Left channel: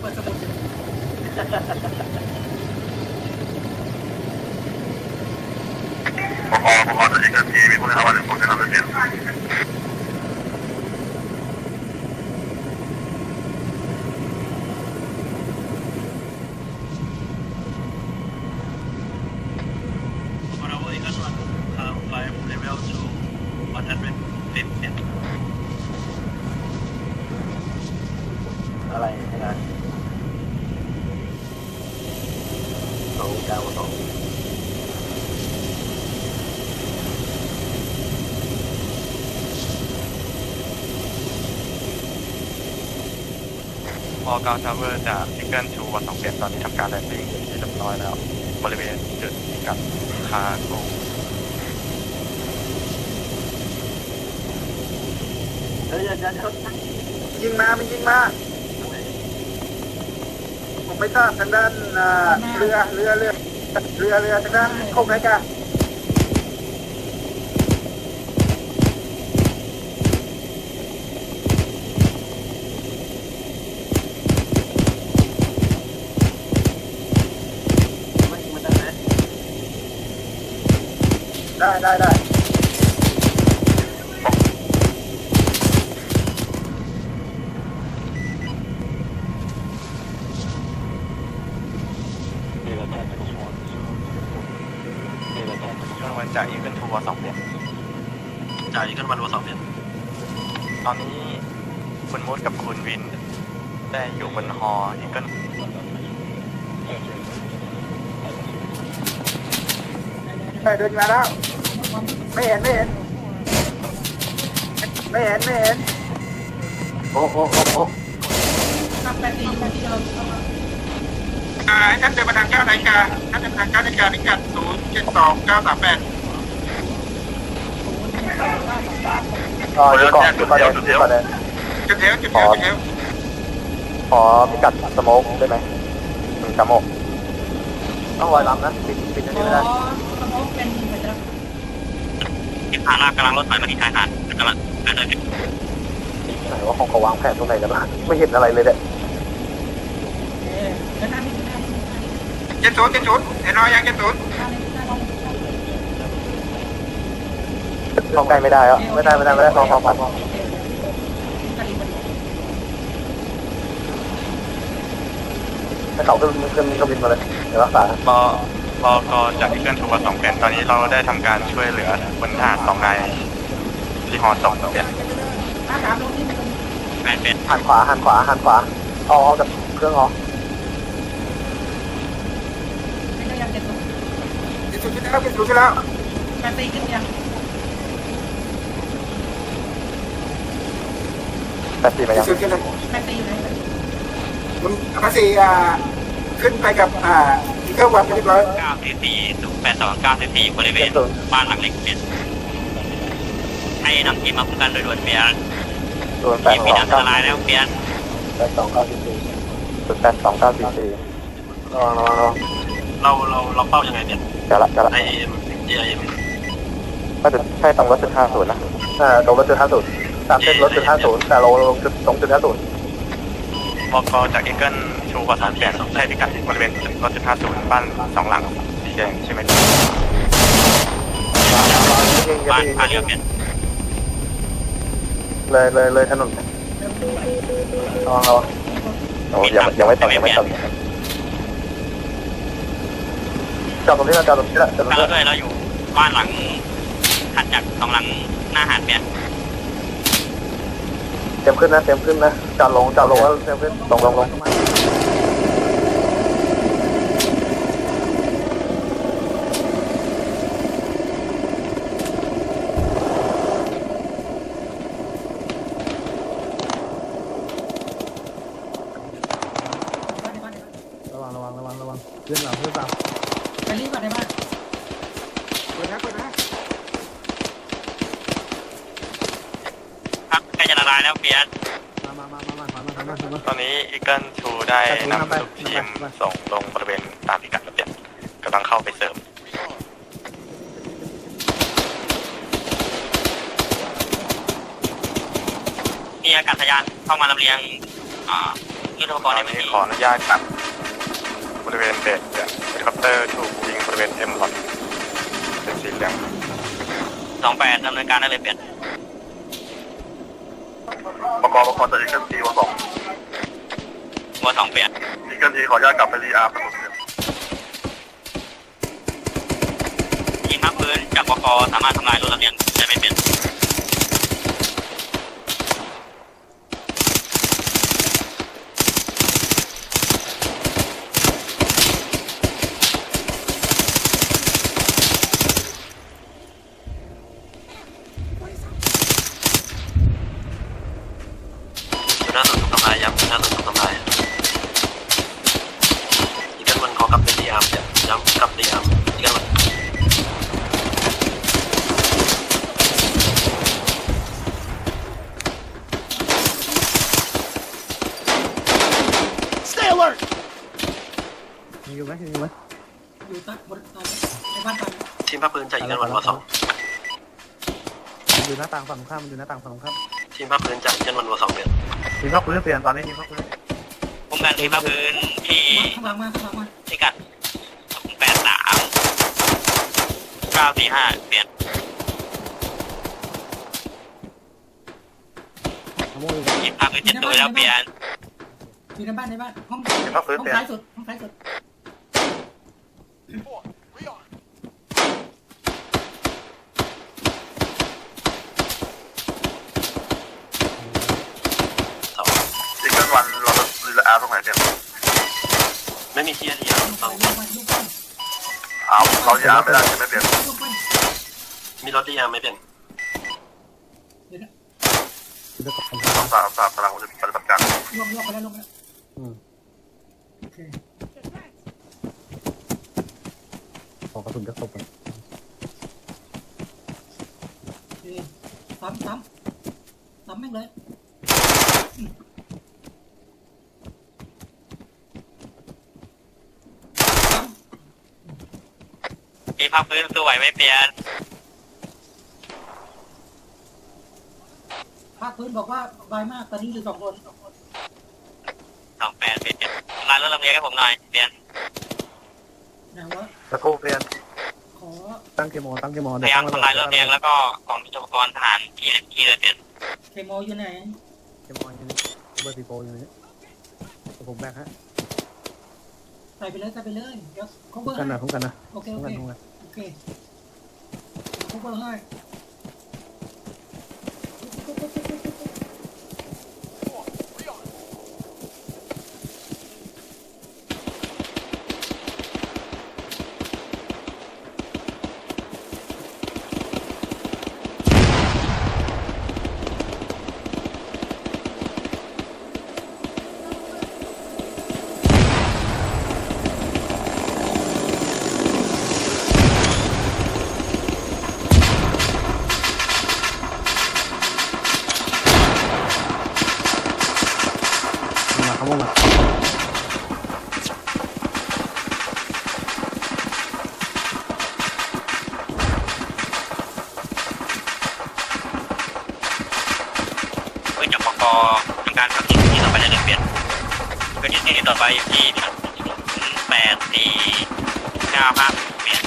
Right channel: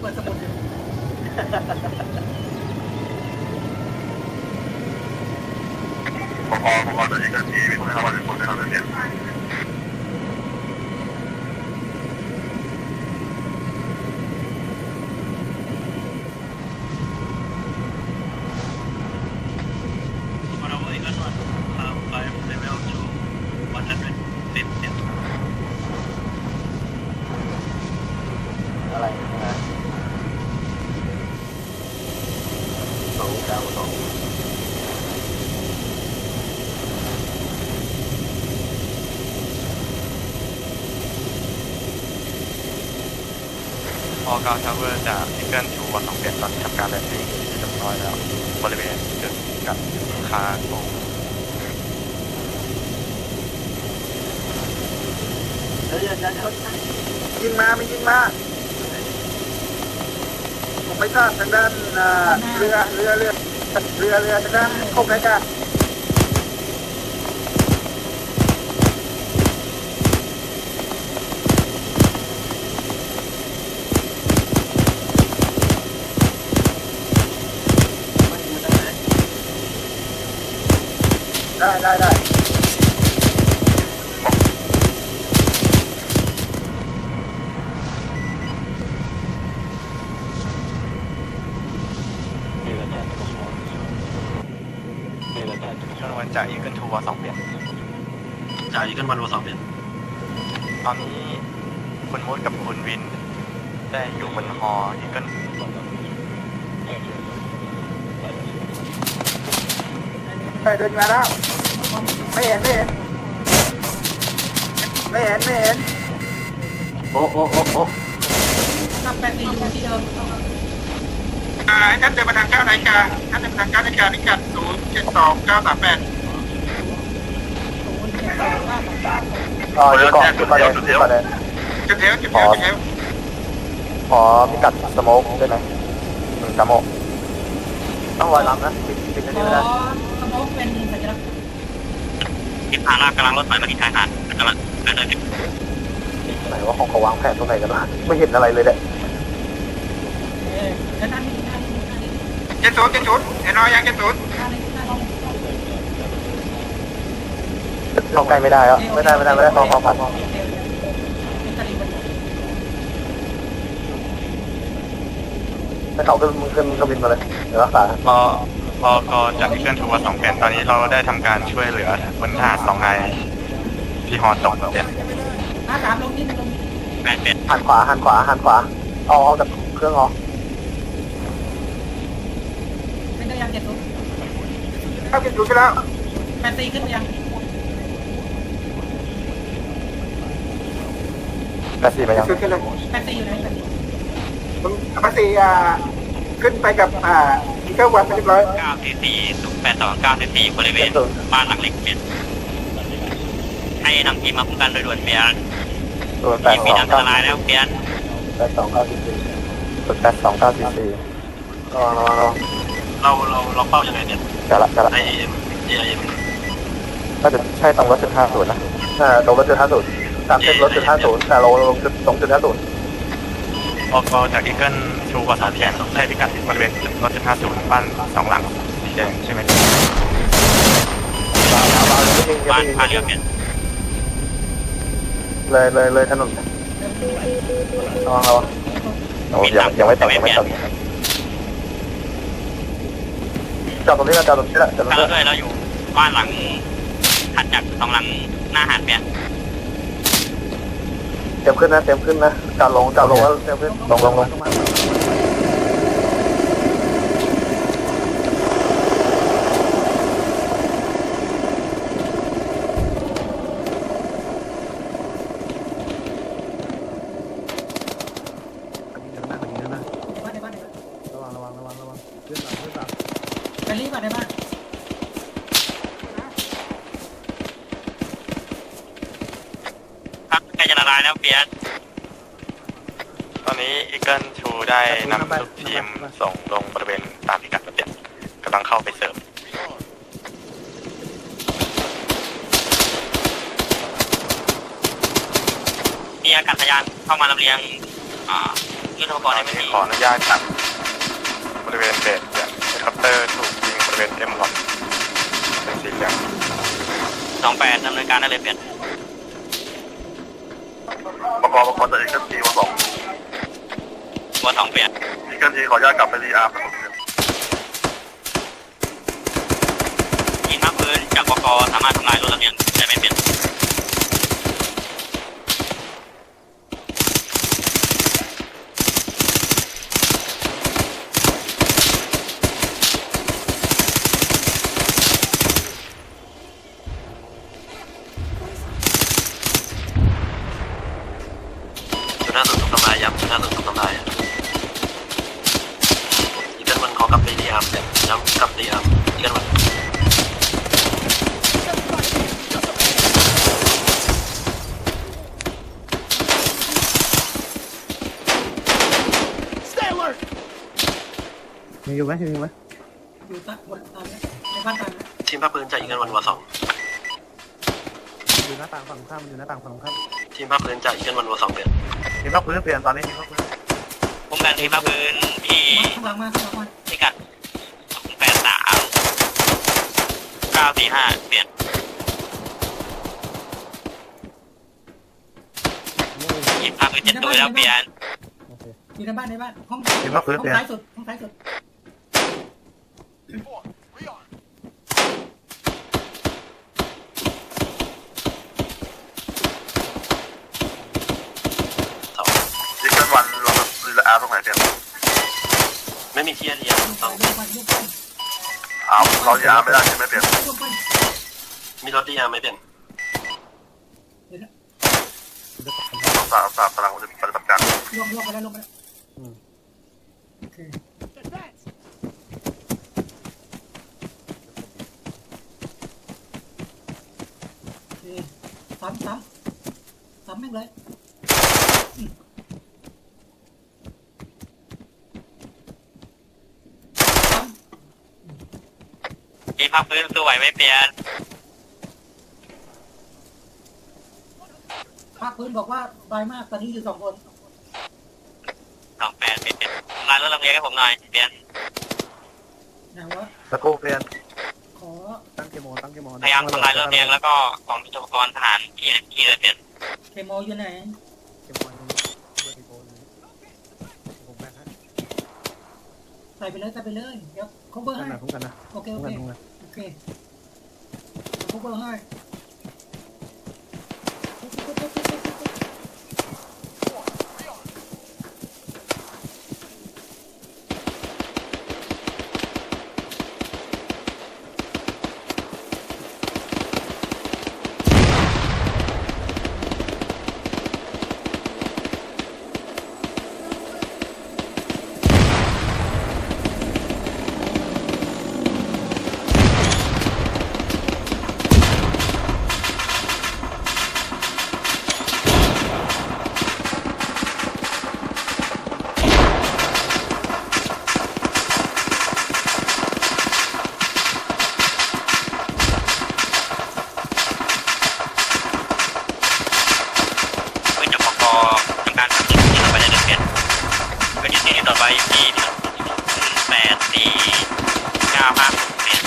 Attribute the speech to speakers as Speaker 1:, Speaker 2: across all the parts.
Speaker 1: 我怕我怕那些，我他妈的，我他妈的。 อ
Speaker 2: อ
Speaker 3: กการทำเรื่องจากที่เกินชูมาสองเป็นตอนนี้ทำการแลนดิ้งเรียบร้อยครับบริเวณจุดกับคาโก
Speaker 2: เดี๋ยยวเดี๋ยวยิงมาไมียิงมาไม่ทราบทางด้านเอ่อเรือเรือเรือเรือเรือทางด้านโคกนะจ๊ะ ได้ได้ได้
Speaker 3: เรือแทบจะหมดเรือแทบจะหมดจากอีเกินทูมาสองเป็น
Speaker 1: จ่ายขึ้นมารัวสองเป็น
Speaker 3: ตอนนี้คุณมดกับคุณวินได้อยู่บนหออีเกิน
Speaker 2: ทางเดินมาแล้ว ไม่เห็นไม่เห็นไม่เห็นไม่เห็นโอ้โหโอ้โห
Speaker 4: อ่านัดเดินมาทางเก้านาฬิกานัดเดินมาทางเก้านาฬิกาพิกัดศูนย์เจ็ดสองเก้าสามแปด
Speaker 2: อ๋อเดี๋ยวก่อนจุดไปจุดที่มาเลย
Speaker 4: จุดแล้วจุดแล้วจุดแล้ว
Speaker 2: ขอจัดสโมกได้ไหมสโมกต้องลอยลำนะปิดปิดกันนี้เลย
Speaker 3: ทางลากกำลังรถไฟมาที่ชายหาดกำลังเดินเลย
Speaker 2: แต่ว่าคงเขาวางแผนตรงไหนกันนะไม่เห็นอะไรเลยเนี่ย
Speaker 4: เจ็ดศูนย์เจ็ดศูนย์เห็นรอยยังเจ็ดศูนย์
Speaker 2: เข้าใกล้ไม่ได้แล้วไม่ได้ไม่ได้ไม่ได้ต้องพอผัดไม่เขาขึ้นขึ้นก็บินมาเลยรักษา
Speaker 3: พอ พอก็จากที่เกินทูมาสองเป็นตอนนี้เราได้ทำการช่วยเหลือบนหาดสองรายที่หอสองเนี่ยเป็น
Speaker 2: หันขวาหันขวาหันขวาเอาออกจากเครื่องออก
Speaker 4: เจ็ดศูนย์เข้าเจ็ดศูนย์ไปแล้ว
Speaker 2: แปดสี่ไหม
Speaker 4: เจ็
Speaker 2: ค
Speaker 4: ด
Speaker 2: รับ
Speaker 4: ศูนย์กันแล้วผมมาสี่อ่า ขึ้นไปกับอ่าที่เข้าวัดไปเรียบร้อย
Speaker 3: เก้าสิบสี่แปดสองเก้าสิบสี่บริเวณบ้านหลังเล็กเป็นให้นำทีมมาคุ้มกันโดยด่วนเปลี่ยน
Speaker 2: ตัวแป
Speaker 3: ที
Speaker 2: ด
Speaker 3: ม
Speaker 2: ส
Speaker 3: มี
Speaker 2: อง
Speaker 3: อันตรายแล้วเปลี่ยน
Speaker 2: แปดสองเก้าสี่ตัวแปดสองเก้าสี่สี่รอรอรอ
Speaker 3: เราเราเราเข้ายังไงเนี่ย
Speaker 2: จะละจะละ
Speaker 3: ไอ้เอ็มเอ็ม
Speaker 2: ก็จะใช่ตรงรถจุดห้าศูนย์นะอ่าตรงรถจุดห้าศูนย์จากเส้นรถจุดห้าศูนย์แต่ลงลงจุดสองจุดห้าศูนย์
Speaker 3: พอกจากเอ็นเกิลชูกว่าสามแสนสองใช่พิกัดบริเวณจุดรถสิบห้าจุดบ้านสองหลังสีแดงใช่ไหมบ้านบ้านอยู่เนี่ย
Speaker 2: เลยเลยเลยถนนอ๋อโอ้ยังยังไม่แต่งยังไม่แต่งจอดตรงนี้แล้วจอดตรงนี้แล้วจอดตรง
Speaker 3: เรา
Speaker 2: นี้
Speaker 3: ด้วยเราอยู่บ้านหลังถัดจากสองหลังหน้าหาดเนี่ย
Speaker 2: เต็มขึ้นนะเต็มขึ้นนะการลงการลงว่าเต็มขึ้นสองรางวัลา
Speaker 4: ยนะเปี
Speaker 3: ยนตอนนี้อีเกิลชูได้นำทีมส่งลงบริเวณตามพิกัดนี่กำลังเข้าไปเสริมเมียกับพยานเข้ามาลำเลียงที่
Speaker 5: รบกตอนในย่ขออนุญาตบริเวณเปลี่ยนเฮลิคอปเตอร์ถูกยิงบริเวณเต็มหลอดเป็นสีเหลือง สองแปดดำเนินการได้เลยเปลี่ยน
Speaker 3: ประกอบประกอบจากอีกทีมาสอง
Speaker 5: หัวสองเปลี่ยน
Speaker 3: อีกทีขออนุญาตกลับไปรีอาร์ประตูเสร็จ
Speaker 5: ยิงภาคพื้นจากประกอบสามารถทำลายรถระเบียนได้ไม่เป็น น่าสนใจลายย้ำน่าสนใจลายจะมันขอกับพยายามเนี่ยย้ำกับพยายามเรื่อง
Speaker 2: มีอยู่ไหมมีอยู่ไหม
Speaker 6: อยู่ใต้บนเอ่อในบ้านตาม
Speaker 5: ทีมภาคพื้นจะยิงกันวันวอสอง
Speaker 2: อยู่หน้าต่างฝั่งข้ามอยู่หน้าต่างฝั่งข้าม
Speaker 5: ทีมภาคพื้นจะยิงกันวันวอสองเดือน
Speaker 2: ทีมพักพื้นเปลี่ยนตอนนี้ทีมพักพื้น
Speaker 5: ผมแบ่งทีมภาคพื้นที่
Speaker 6: ข้างหลังมาข้างหลังมา
Speaker 5: พิกัดแปดสามเก้าสี่ห้าเปลี่ยนทีมภาคพื้นจะตัวแล้วเปลี่ยน
Speaker 6: อยู่ในบ้านในบ้านห้อง
Speaker 2: ทีมพักพื้น
Speaker 6: ห้อง
Speaker 2: เปลี่ยน
Speaker 6: ซ้ายสุดห้องซ้ายสุด
Speaker 5: สอง
Speaker 3: อีกทีวันรี อาร์ตรงไหนเดี๋ยว
Speaker 5: ไม่มีเทียร์เดียว
Speaker 6: เอยๆเอา
Speaker 3: พร้อมรีอาร์ตไม่ได้ใช่ไหมเปลี่ยน
Speaker 6: ๆลงไป
Speaker 5: มีรถที่ยังไม่เป็น
Speaker 3: สามสามกำลังปฏิบัติการ
Speaker 6: ลงไปแล้วลงไปแล้ว
Speaker 2: ขอกระสุนจะครบก่อน
Speaker 6: ดีซ้ำซ้ำซ้ำแม่งเลย
Speaker 5: ทีมภาคพื้ นสวยไม่เปลี่ยน
Speaker 6: ภาคพื้นบอกว่าสบายมากตอนนี้อยู่สองคนสองคน
Speaker 5: สองแปดเปลี่ยนมารถลำเลียงให้ผมหน่อยเปลี่ยน
Speaker 6: นะวะ
Speaker 2: แล้วก็เปลี่ยน
Speaker 6: ขอ
Speaker 2: ตั้งกี่โมงตั้งกี่โมง
Speaker 5: พยายามทำลายรถลำเลียงแล้วก็กองมีอุปกรณ์ทหารเกียร์ยิงเลยเปลี่ยน
Speaker 6: เคโมอยู่ไหน
Speaker 2: กี่โมงเบอร์สี่โปรอยู่นี่ผมแบกฮะ
Speaker 6: ใส่ไปเลยใส่ไปเลยเดี๋ยวเขาเบอร์
Speaker 2: กัน
Speaker 6: ให้
Speaker 2: นะคุ้มกันนะ
Speaker 6: โอเค
Speaker 2: คุ้
Speaker 6: โอ
Speaker 2: ม
Speaker 6: เค
Speaker 2: กันคุ้มกัน
Speaker 6: โอเคเขาเบอร์ให้
Speaker 2: มาเขาบอกมา
Speaker 5: เพื่อจุดอุปกรณ์ทำการทำที่ที่ต่อไปเลยเปลี่ยนไปที่ที่ต่อไปที่แปดสี่เก้าภาคเปลี่ยน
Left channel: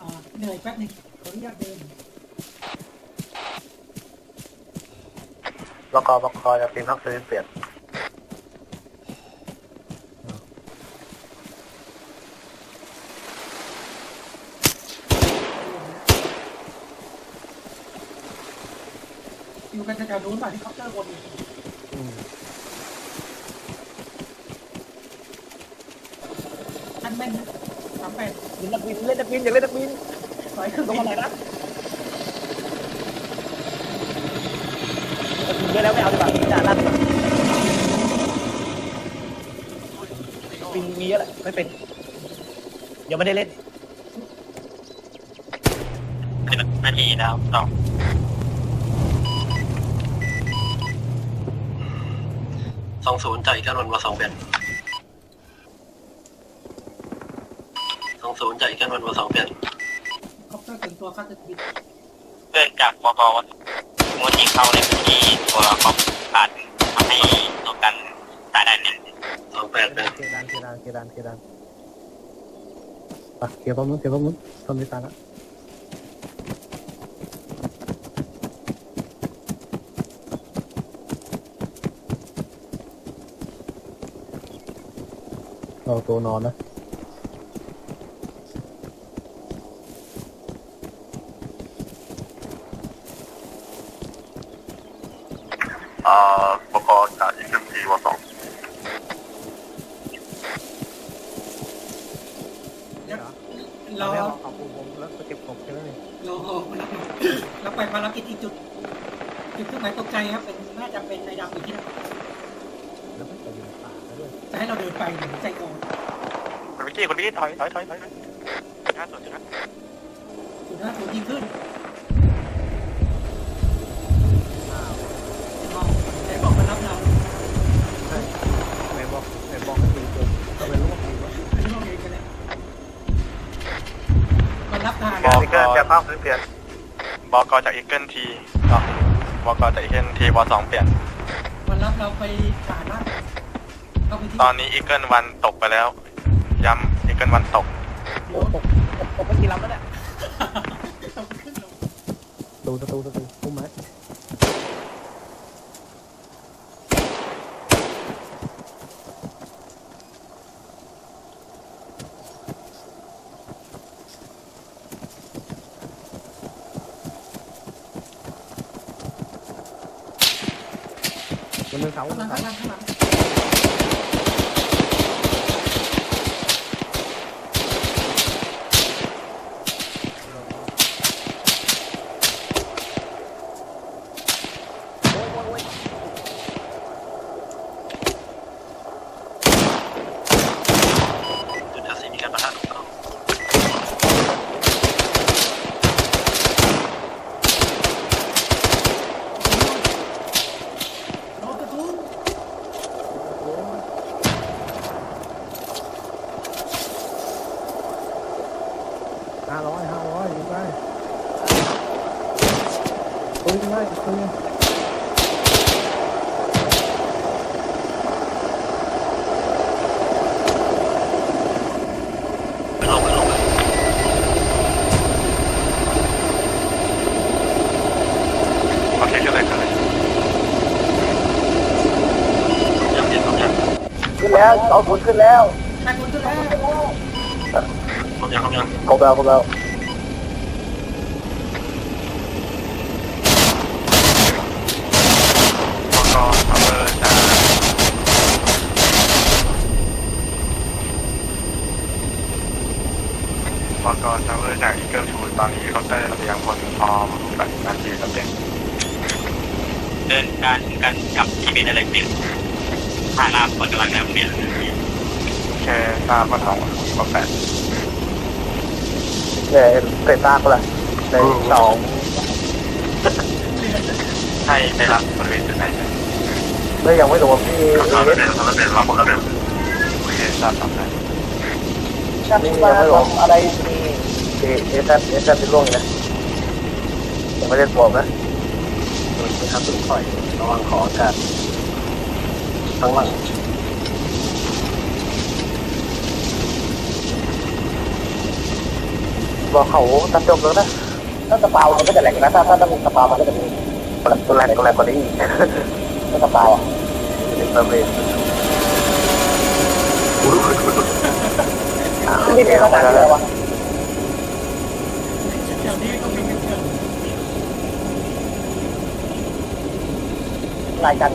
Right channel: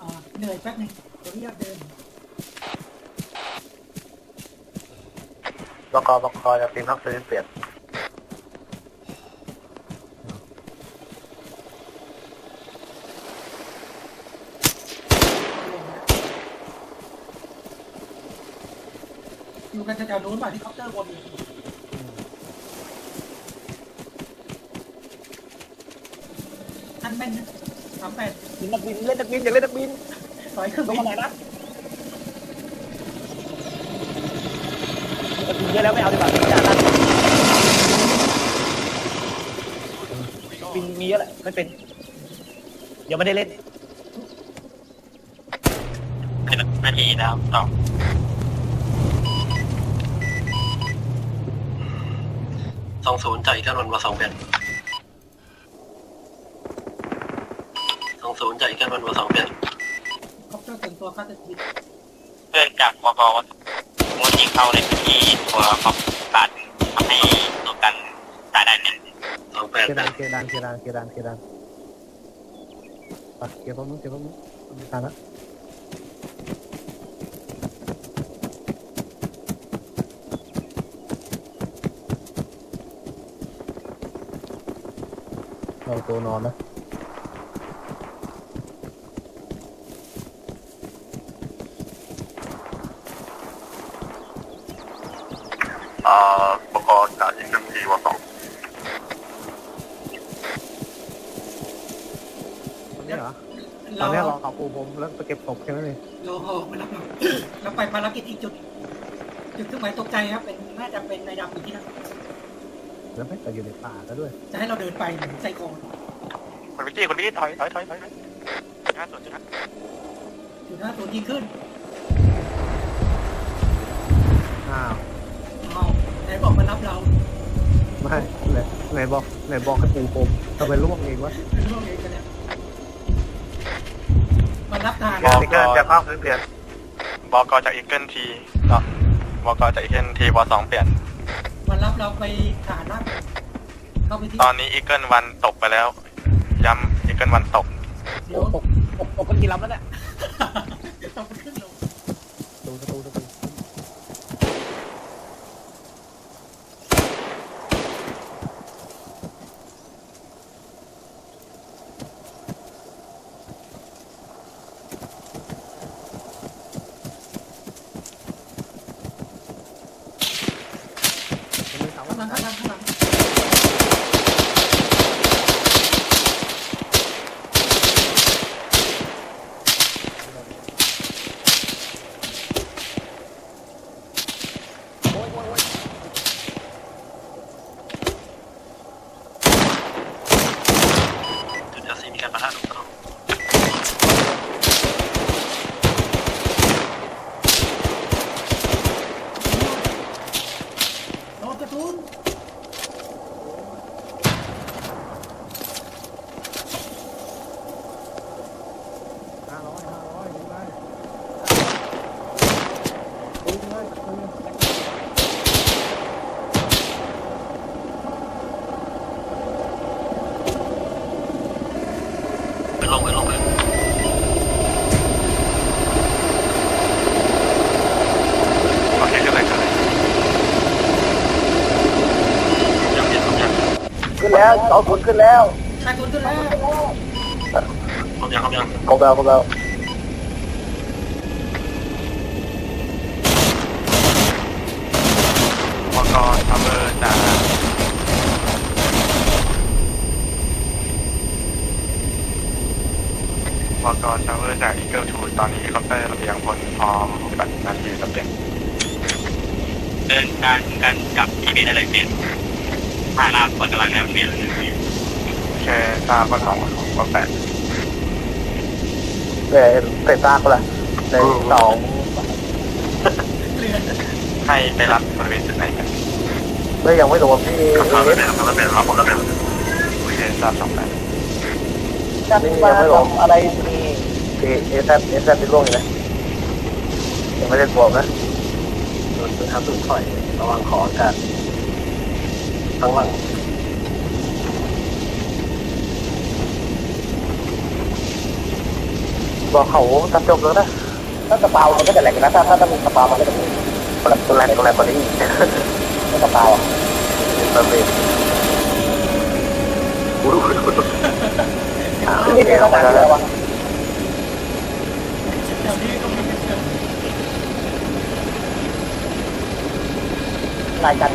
Speaker 6: อ่าเหนื่อย แป๊บนึงขออนุญาตเดิน
Speaker 2: แล้วก็บอกคอยทีมพักพื้นเปลี่ยน
Speaker 6: อยู่กันแถวๆนู้นป่ะที่เขาเล่าวนอยู่นั่นแม่นนะสามแปด
Speaker 2: เล่นนักบินเล่นนักบินอย่าเล่นนักบิน
Speaker 6: ถอยขึ้น ตรงไหนนะ
Speaker 2: เล่นแล้วไม่เอาหลังนี้กันนะปิงมีเยอะไรไม่เป็นยังไม่ได้เล่น
Speaker 5: นาทีแล้วสองสองศูนย์จากอีกกันวันมาสองแปดสองศูนย์จากอีกกันวันมาสองแปด
Speaker 6: คอปเตอร์ถึงตัวข้าจะ
Speaker 5: เพื่อจากปปมูลที่เขาในพื้นที่ตัวของตัดให้ตัวกันตาดันเนี่ยสองแปด
Speaker 2: เค
Speaker 5: แป
Speaker 2: ดัน
Speaker 5: ด
Speaker 2: เคดันเคดันเคดันเคดันอะเก็บพร้อมนู้นเก็บพร้อมนู้นต้นนี้ตาละนอนตัวนอนนะ
Speaker 3: อ่าอุปกรณ์จากอินเตอร์ทีวสอง
Speaker 2: นี่เหรอตอ
Speaker 6: เรา
Speaker 2: นนี้ร
Speaker 6: เรา
Speaker 2: อเขาปูผมแล้วไปเก็บศพแค่นั้นเอง
Speaker 6: เราเราไปภารกิจที่จุด จุดเครื่องหมายตกใจครับ เป็นน่าจะเป็นในดำอีกที่หนึง
Speaker 2: แล้วไม่ไปอยู่ในป่าก็ด้วย
Speaker 6: จะให้เราเดินไปใจกอง
Speaker 3: คุณวิกกี้คุณวิกกี้ถอยถอยถอยถอยห้าส่วนครับ
Speaker 6: ถึงห้าคนยิงขึ้น
Speaker 2: อ้าว
Speaker 6: เอาใจกองมารับเรา
Speaker 2: ไม่ไหนบอกไห นบอกให้ปูผมก็ไปร่วมเองวะ
Speaker 6: ไม่ได้เลยกันแหละมารับทาง
Speaker 3: บอกเกินแค่ภาพเปลี่ยนบอกจากอีเกิลทีบอกจากอีเกิลทีวสองเปลี่ยน
Speaker 6: มารับเราไปฐานว่าเข้าไปที่
Speaker 3: ตอนนี้อีเกิลวันตกไปแล้ว ย้ำอีเกิลวันตก
Speaker 6: โอ้ตกตกไปกี่ลำแล้วเนี่ยเอาไปขึ้นลง
Speaker 2: ตูตะตูตะตูพุ่มไหม มันเลยเขา
Speaker 6: ข้างหลั
Speaker 2: นะ
Speaker 6: งข้างหลังข้างหลัง
Speaker 5: จุดทัศนีการประทะของเขา
Speaker 6: เอาไปโอ้
Speaker 2: ห้าร้อยห้าร้อยดีไปดูไว้ดูไว้
Speaker 5: ไม่ลงไม่ลงเลย
Speaker 3: ขอใช้จะไหนกันเลย
Speaker 2: ขึ้นแล้วเอาขุนขึ้นแล้ว
Speaker 6: ยั
Speaker 5: งยัง
Speaker 2: เอาแล้วเอาแล้ว
Speaker 3: จากกทำเลยจากอีเกิลทูตอนนี้เขาได้มายังคนพอกันนาทีครับเนี่ย
Speaker 5: เดินการเดินกับที่เป็นอะไรเปลี่ยนผ่านลาผลกำลังน้ำเปลี่ยน
Speaker 3: แค่ภาพมาสองก็แปด
Speaker 2: เดี๋ยวใส่ตาก็ละในสอง
Speaker 3: ให้ไปรับเลยจุดไหนกัน
Speaker 2: ไม่ยังไม่รวมที่
Speaker 3: เราเป็นเราเป็นเราเป็นไม่ได้ทราบต่อไป
Speaker 2: นี่ยังไม่รวมอะไรคือเอสเอสเอสเป็นร่วมเลยผมไม่ได้บวนะมันเป็นทางสุดถอยระวังขอกันทั้งวัน ก็เขาตัดจมแล้วนะถ้าตะเปามันก็จะแหลกนะถ้าถ้าตะปูตะเปามันก็จะตัวแรงตัวแรงตัวนี้ตะเปาถึงมันเป็นนี่เดี๋ยวเราไปแล้ววะ
Speaker 6: เดี๋ยวนี้ก็ยังไม่เกิด
Speaker 2: ตายกัน